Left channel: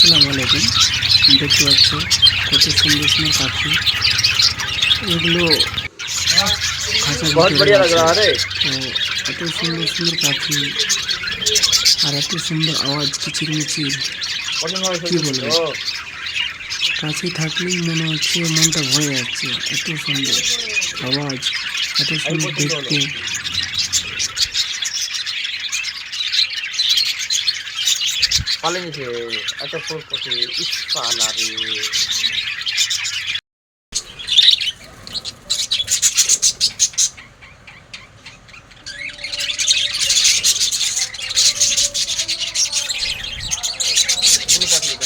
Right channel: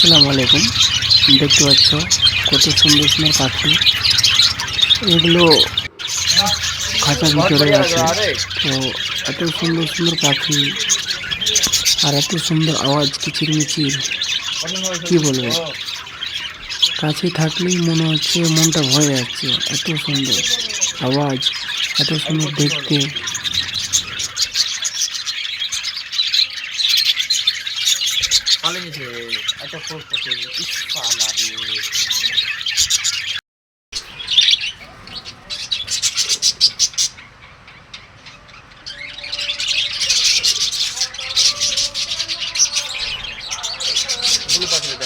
আসসালামু আলাইকুম। দেখতে পাচ্ছ কত সুন্দর সুন্দর পাখি। এগুলো খাঁচার ভিতরে আছে। তো এত সুন্দর সুন্দর পাখি আর এত সুন্দর আওয়াজ কিচির মিচির কি বলব? কাছে থাকলেই মনে হচ্ছে মনটা ভয়ে যাচ্ছে। এত সুন্দর আওয়াজ, এত সুন্দর দেখতে। পালিয়েছে এত ফুল পথে ইস্পালা রে পাখি দেখো